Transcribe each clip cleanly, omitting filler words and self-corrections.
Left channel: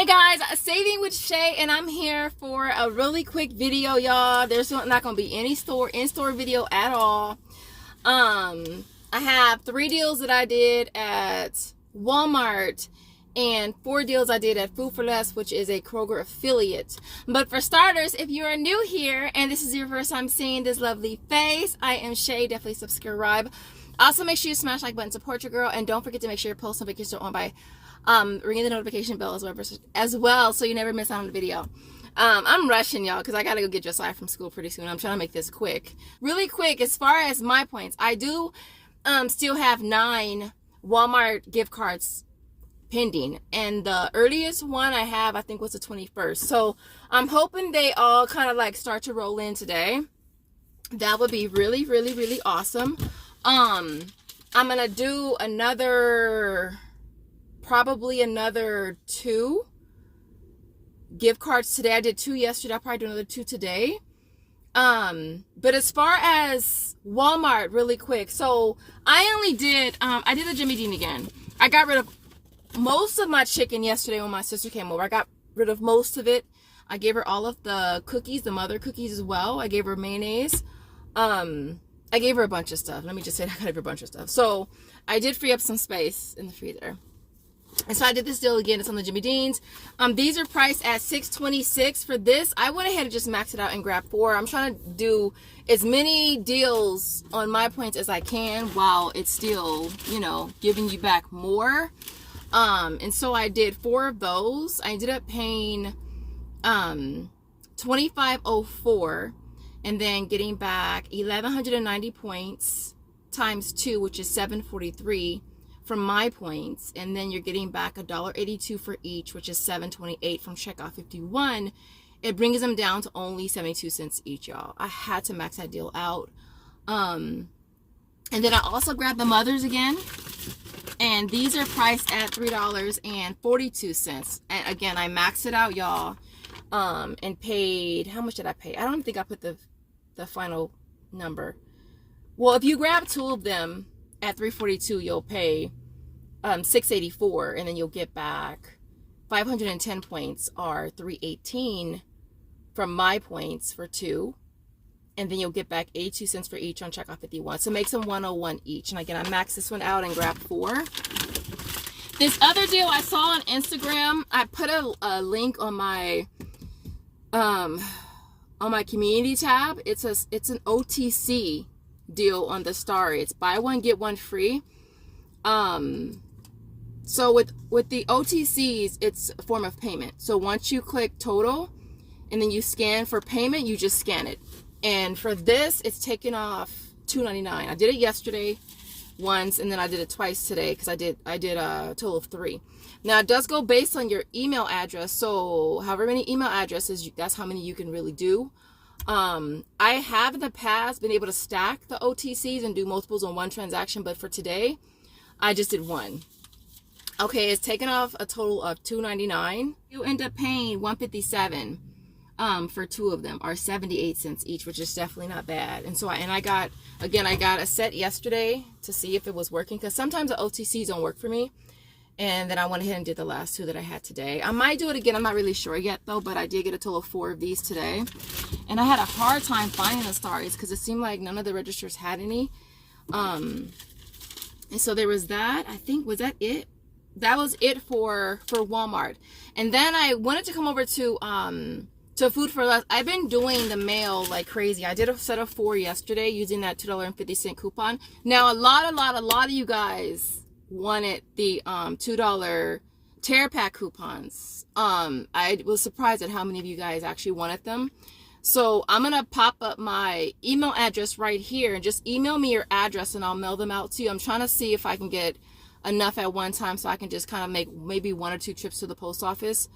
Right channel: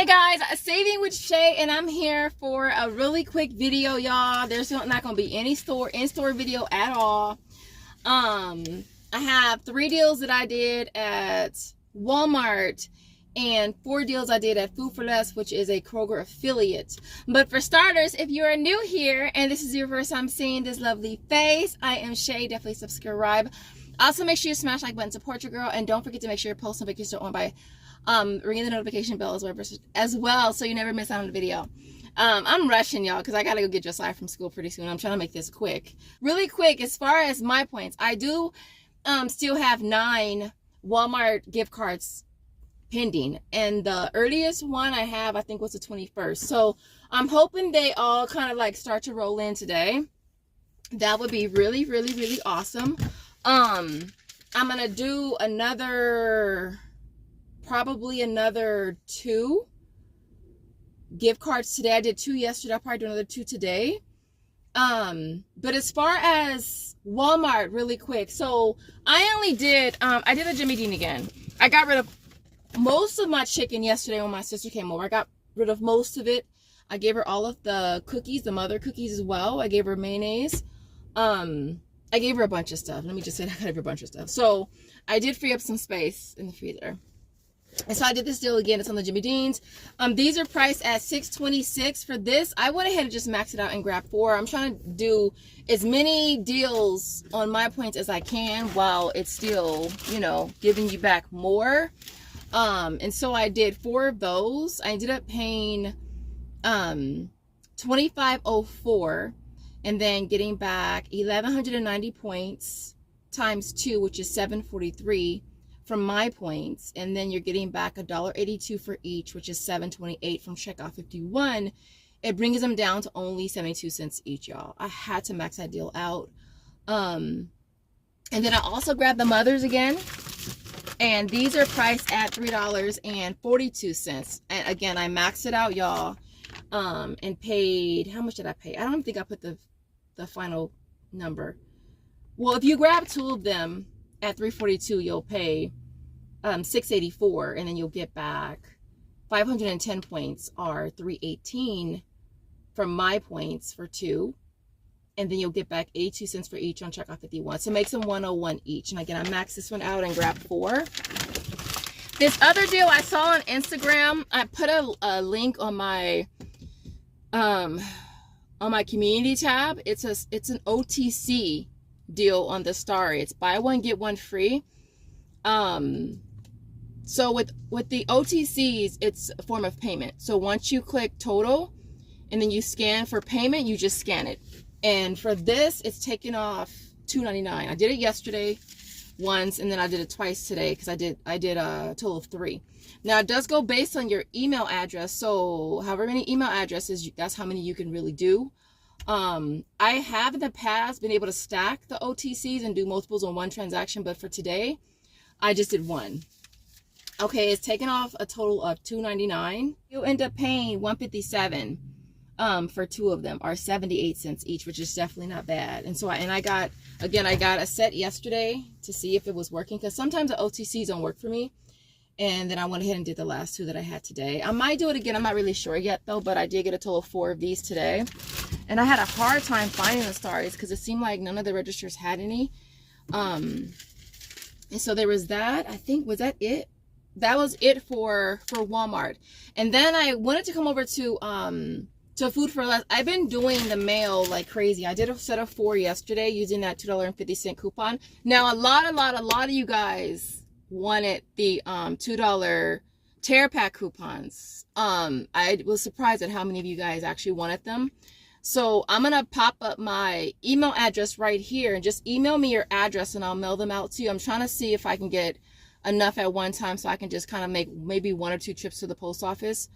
Hey guys, Saving with Shay, and I'm here for a really quick video, y'all. There's not going to be any in-store video at all. I have 3 deals that I did at Walmart and 4 deals I did at Food for Less, which is a Kroger affiliate. But for starters, if you are new here and this is your first time seeing this lovely face, I am Shay. Definitely subscribe. Also, make sure you smash like button, support your girl, and don't forget to make sure your post notifications are on by ringing the notification bell as well, so you never miss out on the video. I'm rushing, y'all, because I gotta go get Josiah from school pretty soon. I'm trying to make this quick, really quick. As far as my points, I do still have 9 Walmart gift cards pending, and the earliest one I have, I think, was the 21st. So I'm hoping they all kind of like start to roll in today. That would be really, really, really awesome. I'm gonna do probably another 2 gift cards today. I did 2 yesterday. I'll probably do another 2 today. But as far as Walmart, really quick, so I only did I did a Jimmy Dean again. I got rid of most of my chicken yesterday when my sister came over. I got rid of most of it. I gave her all of the cookies, the mother cookies as well. I gave her mayonnaise. I gave her a bunch of stuff. Let me just say I gave her a bunch of stuff. So I did free up some space in the freezer. And so I did this deal again. It's on the Jimmy Deans. These are priced at $6.26 for this. I went ahead and just maxed it out and grabbed 4. I'm trying to do as many deals on my points as I can while it's still, you know, giving you back more. And so I did 4 of those. I ended up paying $25.04 and then getting back 1,190 points times 2, which is $743 from my points, and then you're getting back $1.82 for each, which is $7.28 from checkout 51. It brings them down to only 72 cents each, y'all. I had to max that deal out. And then I also grabbed the mothers again, and these are priced at $3.42. And again, I maxed it out, y'all, and paid, how much did I pay? I don't think I put the final number. Well, if you grab 2 of them at $3.42, you'll pay $6.84, and then you'll get back 510 points, are $3.18 from my points for 2, and then you'll get back 82 cents for each on checkout 51. So it makes them $101 each. And again, I maxed this one out and grabbed 4. This other deal I saw on Instagram, I put a link on my community tab. It's an OTC deal on the Starry. It's buy one get one free. So with the OTCs, it's a form of payment. So once you click total and then you scan for payment, you just scan it. And for this, it's taken off $2.99. I did it yesterday once, and then I did it twice today because I did a total of 3. Now it does go based on your email address. So however many email addresses, that's how many you can really do. I have in the past been able to stack the OTCs and do multiples on one transaction, but for today, I just did 1. Okay, it's taken off a total of $2.99. You end up paying $1.57 for 2 of them, or 78 cents each, which is definitely not bad. And so I got a set yesterday to see if it was working, because sometimes the OTCs don't work for me. And then I went ahead and did the last 2 that I had today. I might do it again. I'm not really sure yet, though, but I did get a total of 4 of these today. And I had a hard time finding the Starries because it seemed like none of the registers had any. And so there was that. I think, was that it? That was it for Walmart. And then I wanted to come over to Food for Less. I've been doing the mail like crazy. I did a set of 4 yesterday using that $2.50 coupon. Now, a lot of you guys wanted the $2 tear pack coupons. I was surprised at how many of you guys actually wanted them. So I'm gonna pop up my email address right here, and just email me your address and I'll mail them out to you. I'm trying to see if I can get enough at one time so I can just kind of make maybe 1 or 2 trips to the post office.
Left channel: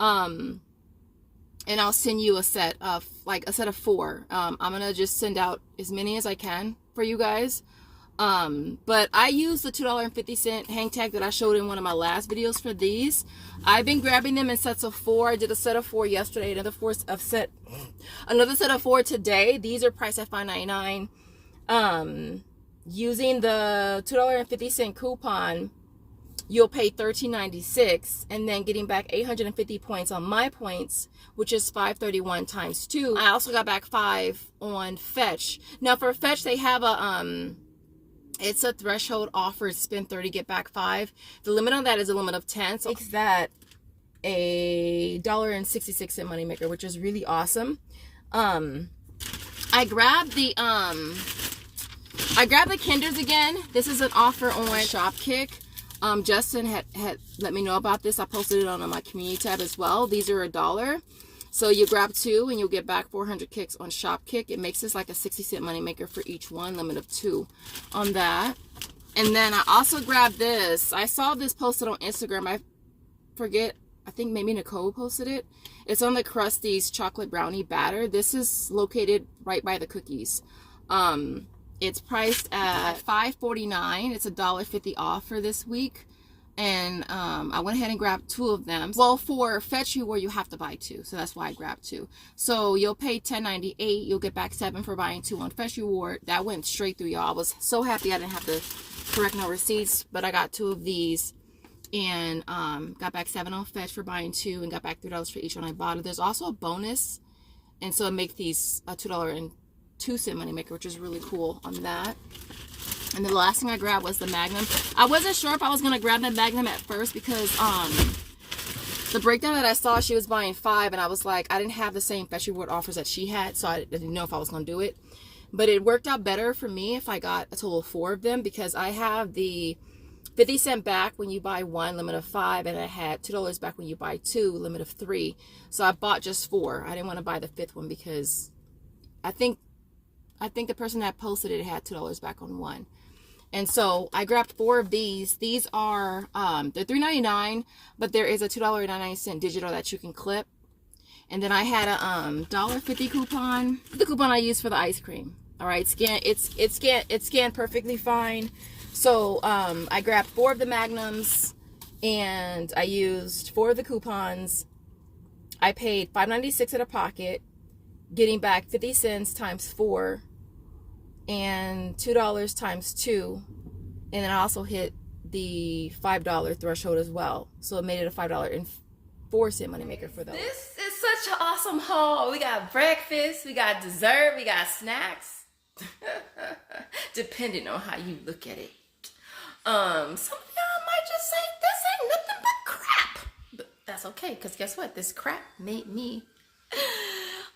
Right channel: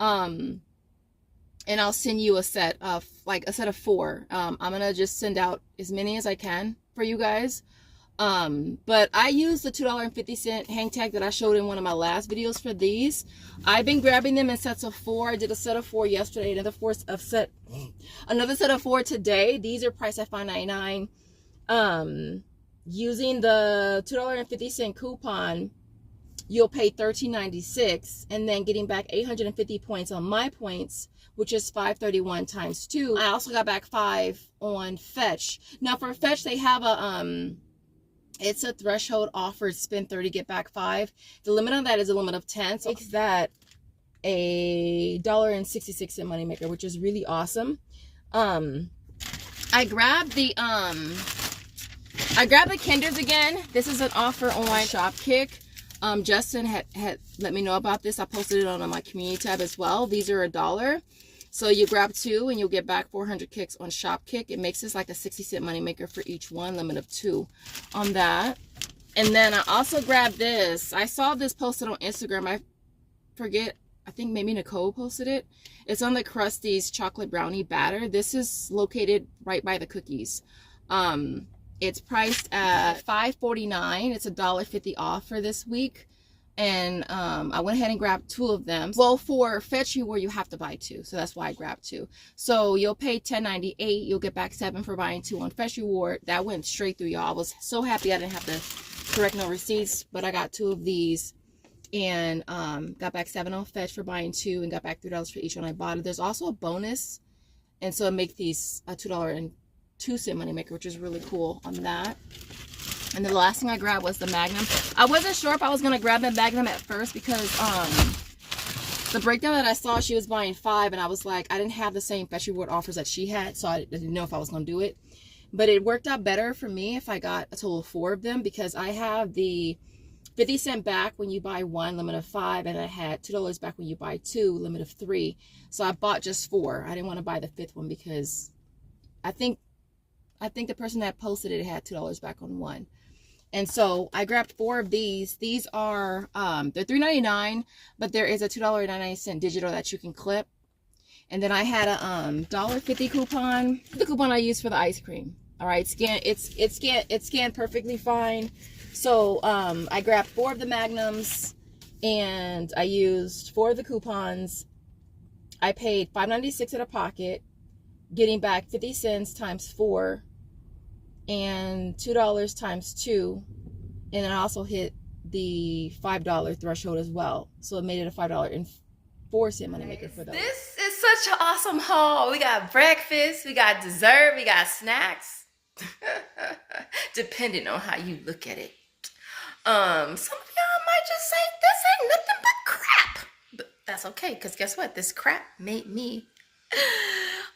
And I'll send you a set of 4. I'm gonna just send out as many as I can for you guys. But I use the $2.50 hang tag that I showed in one of my last videos for these. I've been grabbing them in sets of 4. I did a set of 4 yesterday, another set of 4 today. These are priced at $5.99. Using the $2.50 coupon, you'll pay $13.96, and then getting back 850 points on my points, which is 531 times 2. I also got back 5 on Fetch. Now for Fetch, they have a it's a threshold offer, spend 30, get back 5. The limit on that is a limit of 10. So makes that a $1.66 moneymaker, which is really awesome. I grabbed the Kinders again. This is an offer on Shopkick. Justin had let me know about this. I posted it on my community tab as well. These are $1. So you grab 2 and you'll get back 400 kicks on Shopkick. It makes this like a 60-cent moneymaker for each one, limit of 2 on that. And then I also grabbed this. I saw this posted on Instagram. I think maybe Nicole posted it. It's on the Krusty's chocolate brownie batter. This is located right by the cookies. It's priced at $5.49. It's $1.50 off for this week. And I went ahead and grabbed 2 of them. Well, for Fetch Reward, you have to buy 2. So that's why I grabbed 2. So you'll pay $10.98. You'll get back 7 for buying 2 on Fetch Reward. That went straight through, y'all. I was so happy I didn't have to correct no receipts. But I got 2 of these. And got back 7 on Fetch for buying 2. And got back $3 for each one I bought. There's also a bonus. And so it makes these a $2.02 moneymaker, which is really cool on that. And the last thing I grabbed was the Magnum. I wasn't sure if I was going to grab the Magnum at first because the breakdown that I saw, she was buying 5. And I was like, I didn't have the same Fetch Reward offers that she had. So I didn't know if I was going to do it. But it worked out better for me if I got a total of 4 of them. Because I have the 50 cent back when you buy 1, limit of 5. And I had $2 back when you buy 2, limit of 3. So I bought just 4. I didn't want to buy the 5th one because I think the person that posted it had $2 back on 1. And so I grabbed 4 of these. These are, they're $3.99, but there is a $2.99 digital that you can clip. And then I had a $1.50 coupon. The coupon I used for the ice cream. All right, it's scanned perfectly fine. So I grabbed 4 of the Magnums, and I used 4 of the coupons. I paid $5.96 out of pocket, getting back 50 cents times 4. And $2 times 2, and then I also hit the $5 threshold as well. So it made it a $5.04 moneymaker for those. This is such an awesome haul. We got breakfast, we got dessert, we got snacks. Depending on how you look at it. Some of y'all might just say this ain't nothing but crap. But that's okay, because guess what? This crap made me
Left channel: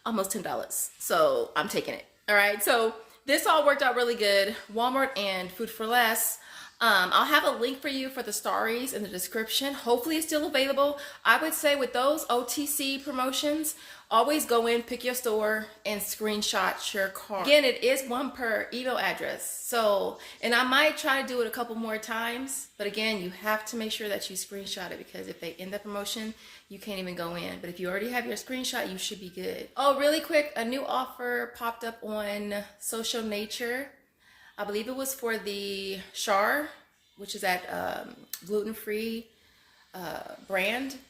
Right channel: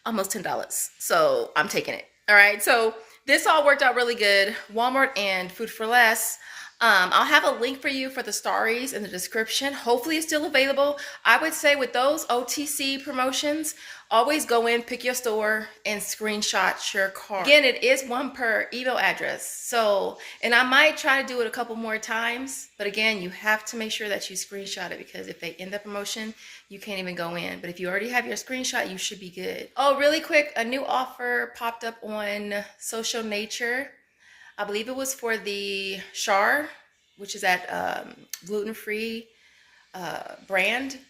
almost $10. So I'm taking it. All right, so this all worked out really good. Walmart and Food for Less. I'll have a link for you for the Starries in the description. Hopefully it's still available. I would say with those OTC promotions, always go in, pick your store, and screenshot your card. Again, it is 1 per email address. So, and I might try to do it a couple more times. But again, you have to make sure that you screenshot it because if they end the promotion, you can't even go in. But if you already have your screenshot, you should be good. Oh, really quick, a new offer popped up on Social Nature. I believe it was for the Char, which is that gluten-free brand.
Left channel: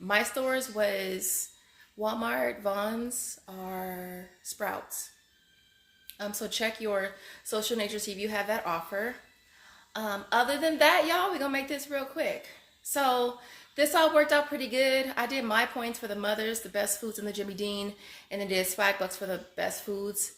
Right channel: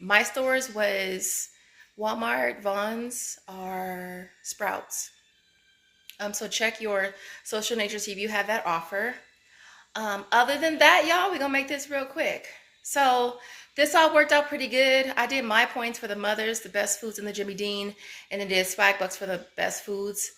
My stores was Walmart, Vons, or Sprouts. So check your Social Nature, see if you have that offer. Other than that, y'all, we're going to make this real quick. So this all worked out pretty good. I did my points for the mothers, the best foods in the Jimmy Dean, and then did Swagbucks for the best foods.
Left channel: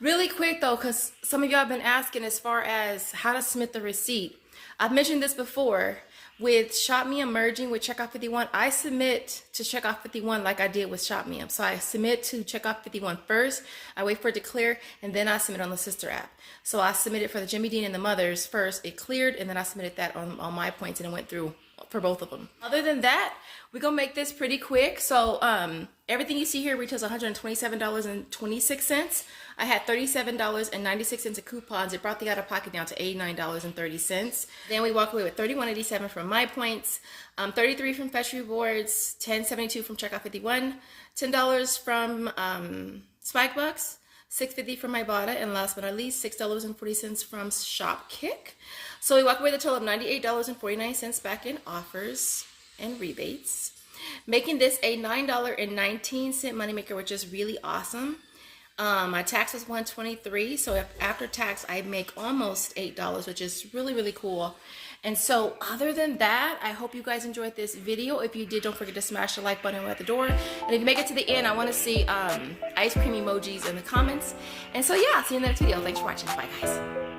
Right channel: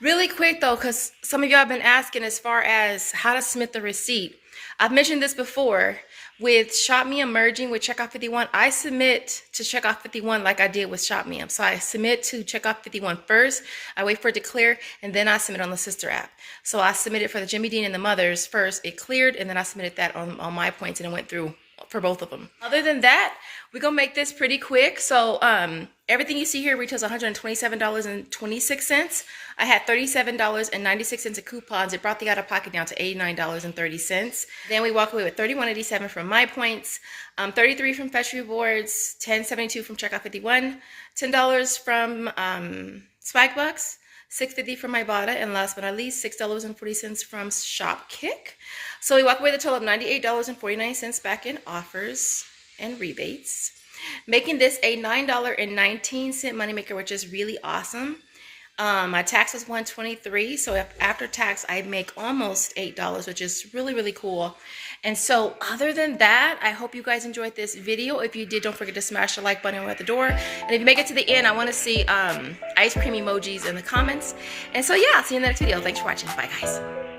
Really quick though, because some of y'all have been asking as far as how to submit the receipt. I've mentioned this before. With Shop Me merging with Checkoff 51, I submit to Checkoff 51 like I did with Shop Me. So I submit to Checkoff 51 first, I wait for it to clear, and then I submit on the sister app. So I submitted for the Jimmy Dean and the mothers first, it cleared, and then I submitted that on my points, and it went through for both of them. Other than that, we're gonna make this pretty quick. So everything you see here retails $127.26. I had $37.96 of coupons. It brought the out-of-pocket down to $89.30. Then we walk away with $31.87 from my points, $33 from Fetch Rewards, $10.72 from Checkoff 51, $10 from Swagbucks, $6.50 from Ibotta, and last but not least, $6.40 from Shopkick. So we walk away with a total of $98.49 back in offers and rebates, making this a $9.19 moneymaker, which is really awesome. My tax was $123, so if after tax I make almost $8, which is really, really cool. And so other than that, I hope you guys enjoyed this video. If you did, don't forget to smash the like button at the door. And if you make it to the end, I want to see ice cream emojis in the comments. And so yeah, I'll see you in the next video. Thanks for watching. Bye guys.